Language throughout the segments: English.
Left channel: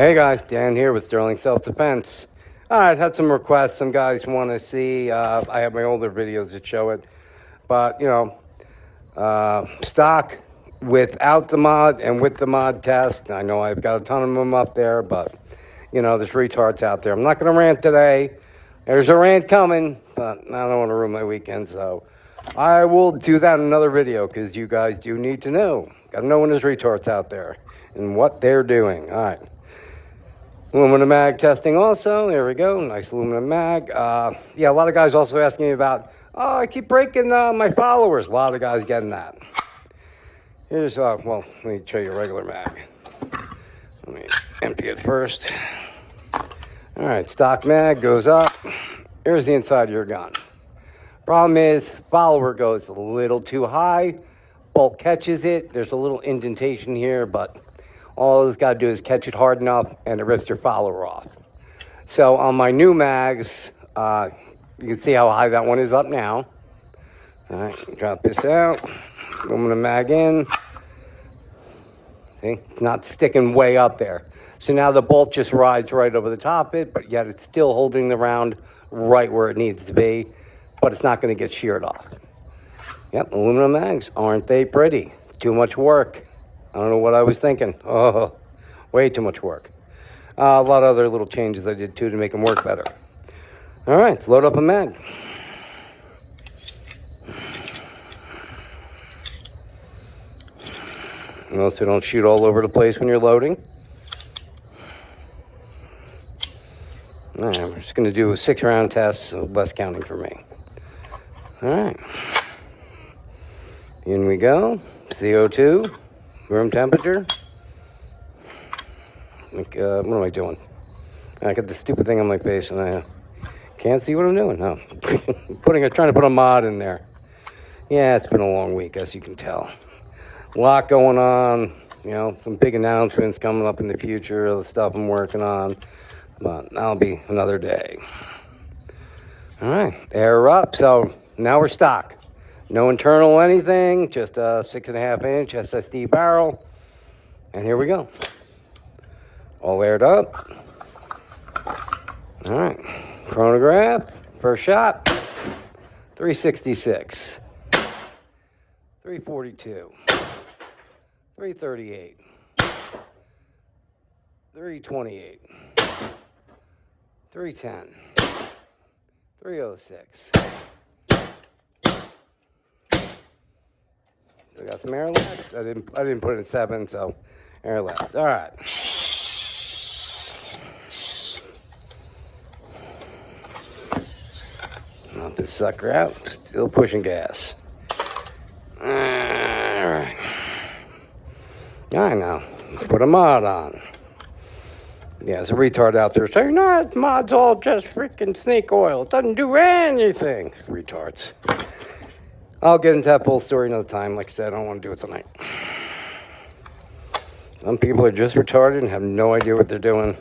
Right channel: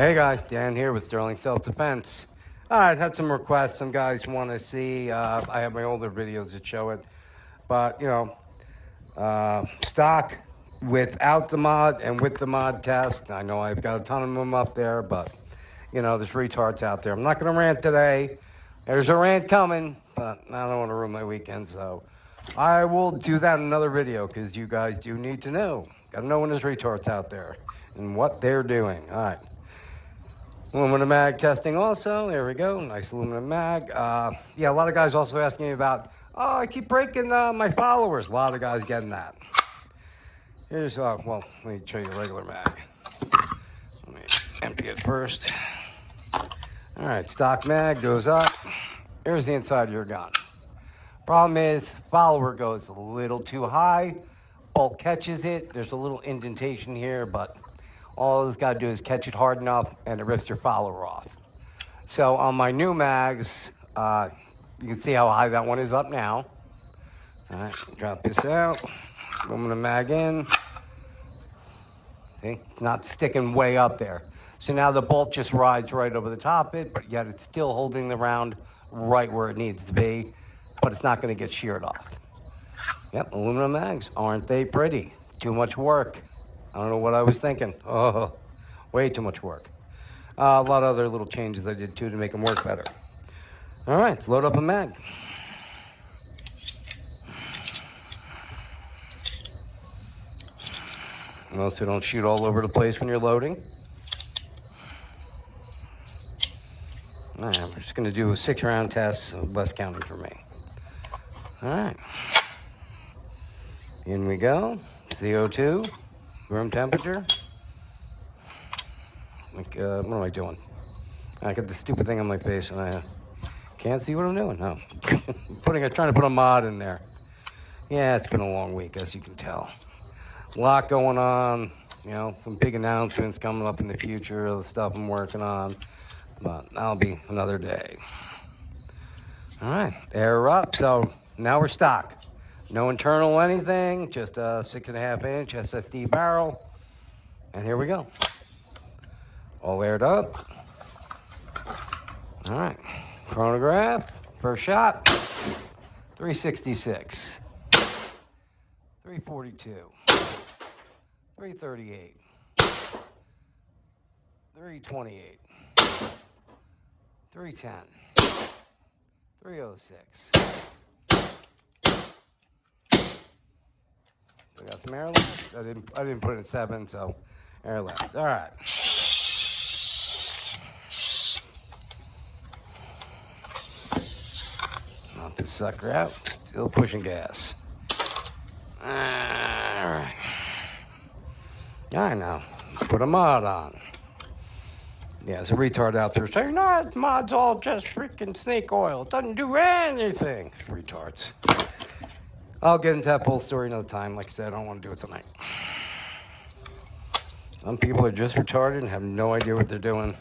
Hey guys, Dan here with Sterling Self-Defense. Alright, had some requests. Some guys want to see, I have my older videos that show it. But, stock without the mod and with the mod test. I know I've got a ton of them up there, but, there's retards out there. I'm not going to rant today. There's a rant coming, but I don't want to ruin my weekend, so I will do that in another video because you guys do need to know. Got to know when there's retards out there and what they're doing. Alright. Aluminum mag testing also. There we go. Nice aluminum mag. A lot of guys also asking me about, I keep breaking my followers. A lot of guys getting that. Here's, let me show you a regular mag. Let me empty it first. All right, stock mag goes up. Here's the inside of your gun. Problem is, follower goes a little too high. Bolt catches it. There's a little indentation here, but all it's got to do is catch it hard enough and it rips your follower off. So on my new mags, you can see how high that one is up now. All right, drop this out. Aluminum mag in. See, it's not sticking way up there. So now the bolt just rides right over the top of it, but yet it's still holding the round right where it needs to be, but it's not going to get sheared off. Yep, aluminum mags, aren't they pretty? Too much work. I don't know what I was thinking. Oh, way too much work. A lot of other little changes I did too to make them work better. All right, let's load up a mag. So don't shoot all over the place when you're loading. All right, we're just going to do a 6-round test, so less counting for me. All right. In we go. CO2. Room temperature. What am I doing? I got this stupid thing on my face and I can't see what I'm doing. No, trying to put a mod in there. Yeah, it's been a long week, as you can tell. A lot going on. Some big announcements coming up in the future. The stuff I'm working on, but that'll be another day. All right, air up. So now we're stock. No internal anything, just a 6.5-inch SSD barrel. And here we go. All aired up. All right, chronograph, first shot, 366, 342, 338, 328, 310, 306. I got some air left. I didn't put it in 7, so air left. All right. Knock this sucker out. Still pushing gas. All right. I know. Put a mod on. Yeah, there's a retard out there saying, no, it's mod's all just freaking snake oil. It doesn't do anything. Retards. I'll get into that full story another time. Like I said, I don't want to do it tonight. Some people are just retarded and have no idea what they're doing.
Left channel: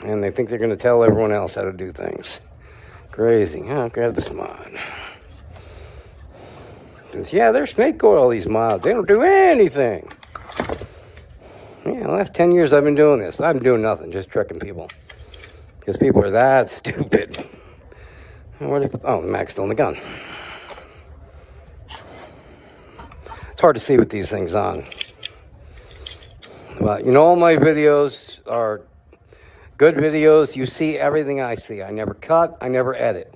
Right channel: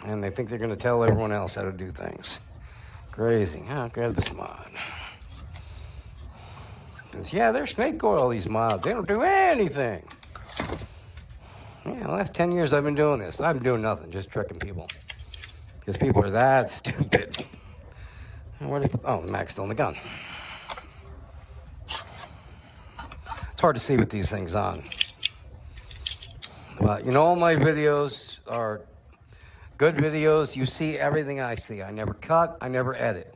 And they think they're going to tell everyone else how to do things. Crazy. I'll grab this mod. Because, they're snake oil, these mods. They don't do anything. Yeah, the last 10 years I've been doing this. I've been doing nothing, just tricking people. Because people are that stupid. The mag's still in the gun. It's hard to see with these things on. But, all my videos are good videos. You see everything I see. I never cut. I never edit.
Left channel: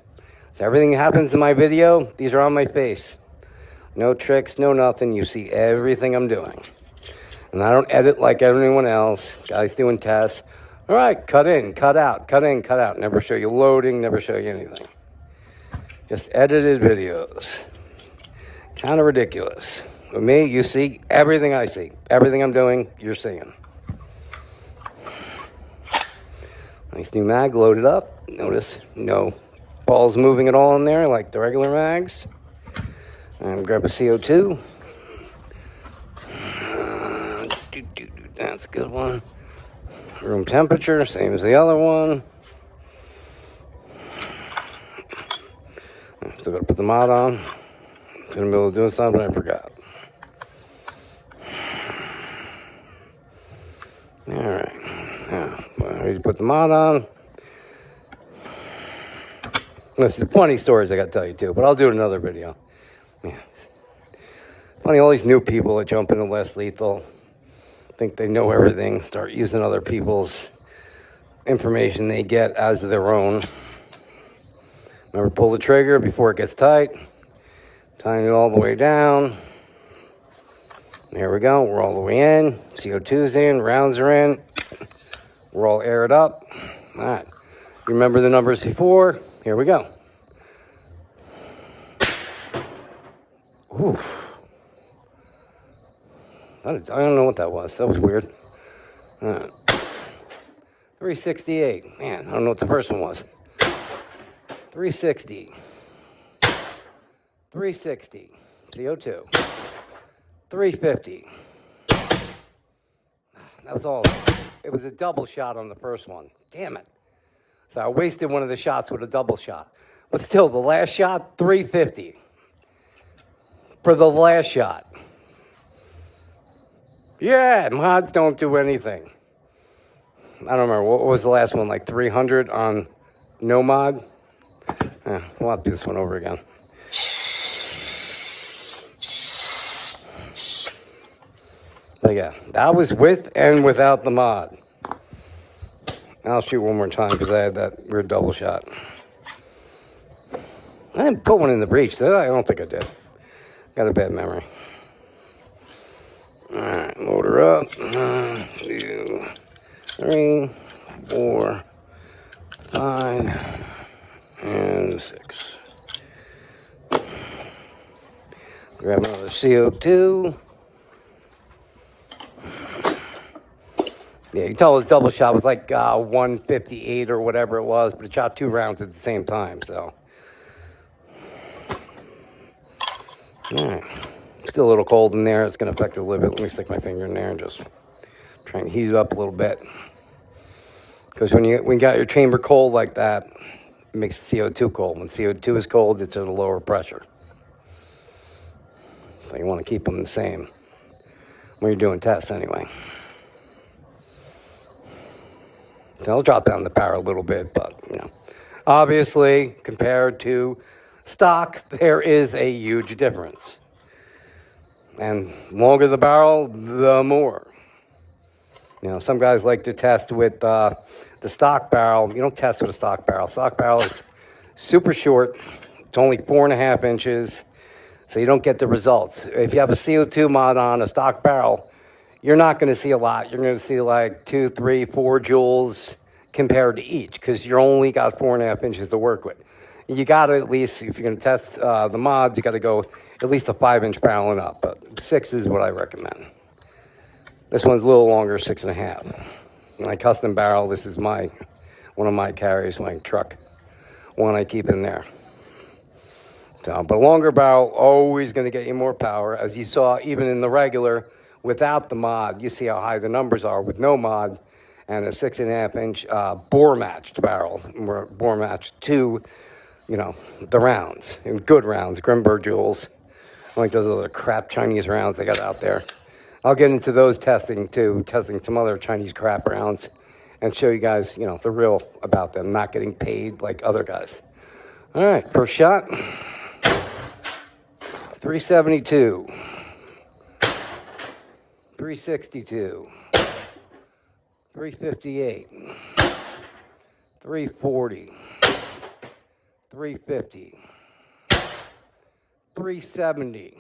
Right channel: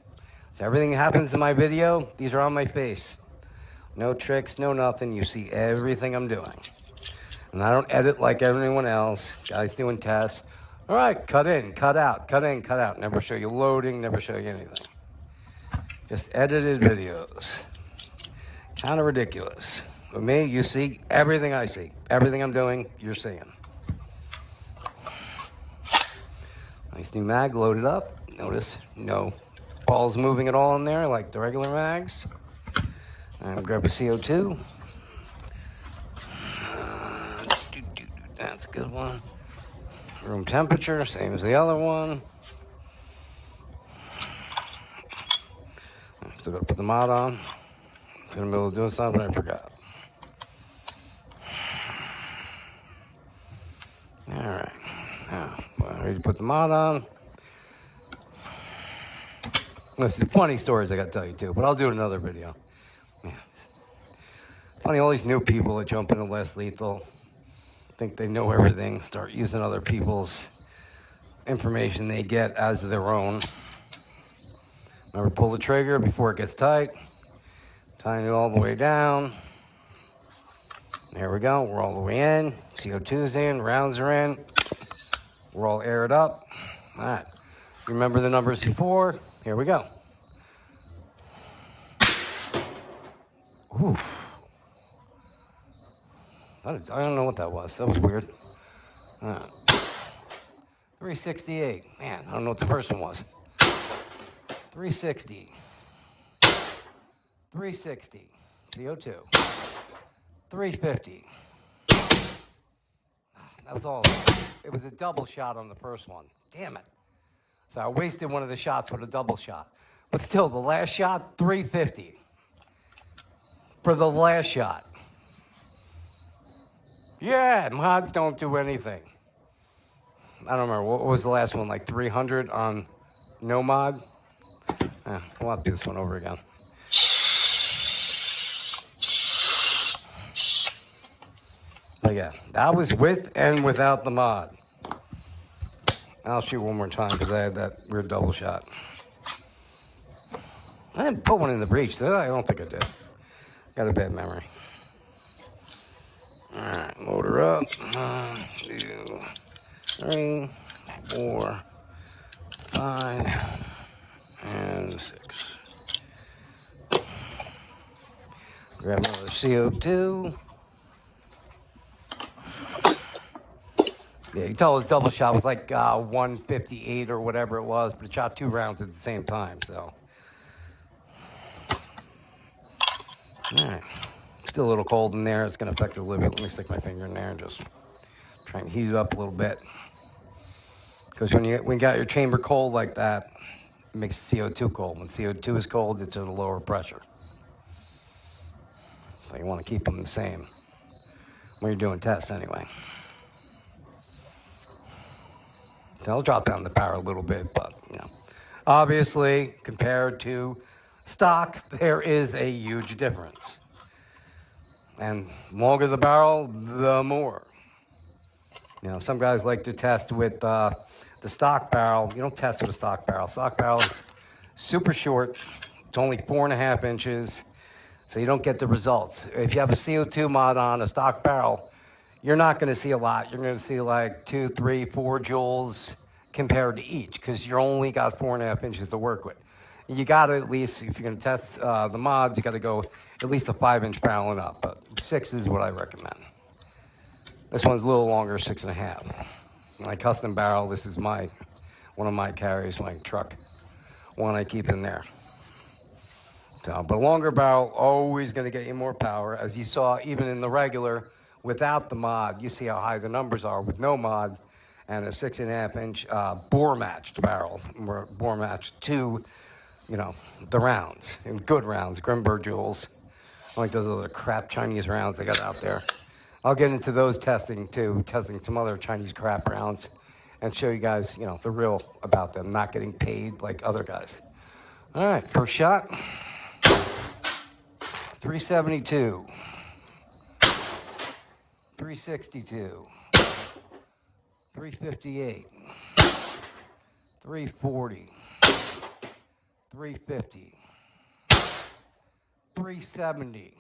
So everything that happens in my video, these are on my face. No tricks, no nothing. You see everything I'm doing. And I don't edit like everyone else. Guys doing tests. All right, cut in, cut out, cut in, cut out. Never show you loading, never show you anything. Just edited videos. Kind of ridiculous. With me, you see everything I see. Everything I'm doing, you're seeing. Nice new mag loaded up. Notice no balls moving at all in there like the regular mags. And grab a CO2. That's a good one. Room temperature, same as the other one. Still gotta put the mod on. In the middle of doing something, I forgot. All Ready to put the mod on. There's funny stories I got to tell you too, but I'll do another video. Yeah. Funny, all these new people that jump into Less Lethal think they know everything, start using other people's information they get as their own. Remember, pull the trigger before it gets tight. Tying it all the way down. There we go. We're all the way in. CO2's in. Rounds are in. We're all aired up. All right. You remember the numbers before? Here we go. Oof. I don't know what that was. That was weird. 368. Man, I don't know what the first one was. 360. 360. CO2. 350. That was all. It was a double shot on the first one. Damn it. So I wasted one of the shots with a double shot. But still, the last shot, 350. For the last shot. Yeah, mods don't do anything. I don't remember. What was the last one? Like 300 on no mod? We'll have to do this one over again. But yeah, that was with and without the mod. I'll shoot one more time because I had that weird double shot. I didn't put one in the breech, did I? I don't think I did. Got a bad memory. All right, load her up. 1, 2, 3, 4, 5, and 6. Grab another CO2. Yeah, you tell his double shot was like 158 or whatever it was, but it shot 2 rounds at the same time, so. All right. Still a little cold in there. It's going to affect it a little bit. Let me stick my finger in there and just try and heat it up a little bit. Because when you got your chamber cold like that, it makes CO2 cold. When CO2 is cold, it's at a lower pressure. So you want to keep them the same when you're doing tests anyway. So I'll drop down the power a little bit, but, you know, obviously, compared to stock, there is a huge difference. And longer the barrel, the more. You know, some guys like to test with the stock barrel. You don't test with a stock barrel. Stock barrel is super short. It's only 4.5 inches, so you don't get the results. If you have a CO2 mod on a stock barrel, you're not going to see a lot. You're going to see like 2, 3, 4 joules compared to each because you're only got 4.5 inches to work with. You got to at least, if you're going to test the mods, you got to go at least a 5-inch barrel and up. But 6 is what I recommend. This one's a little longer, 6.5. My custom barrel, this is one of my carries, my truck. One I keep in there. So, but longer barrel, always going to get you more power. As you saw, even in the regular, without the mod, you see how high the numbers are with no mod. And a 6.5-inch bore matched barrel. Bore matched to, you know, the rounds. And good rounds, Grimberg joules. Like those other crap Chinese rounds they got out there. I'll get into those testing too, testing some other Chinese crap rounds and show you guys, you know, the real about them, not getting paid like other guys. All right, first shot. 372. 362. 358. 340. 350. 370.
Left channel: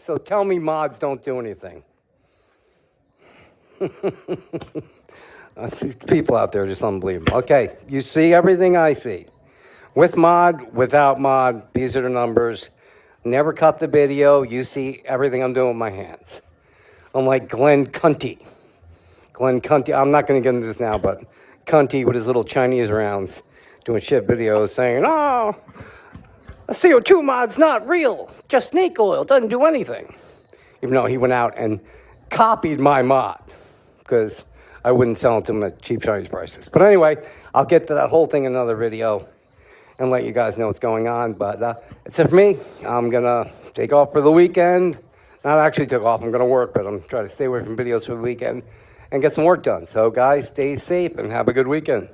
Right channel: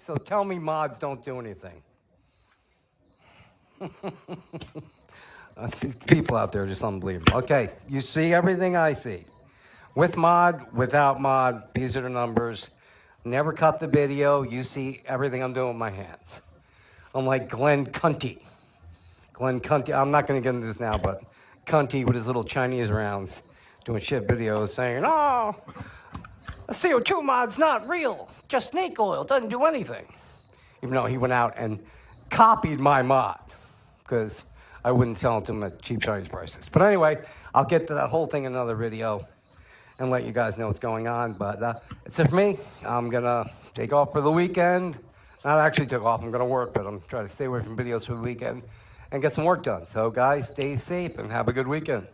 So tell me mods don't do anything. These people out there are just unbelievable. Okay, you see everything I see. With mod, without mod, these are the numbers. Never cut the video. You see everything I'm doing with my hands. I'm like Glenn Cunty. Glenn Cunty, I'm not going to get into this now, but Cunty with his little Chinese rounds doing shit videos saying, oh, a CO2 mod's not real. Just snake oil. Doesn't do anything. Even though he went out and copied my mod because I wouldn't sell it to him at cheap Chinese prices. But anyway, I'll get to that whole thing in another video and let you guys know what's going on. But that's it for me. I'm going to take off for the weekend. Not actually take off. I'm going to work, but I'm trying to stay away from videos for the weekend and get some work done. So, guys, stay safe and have a good weekend.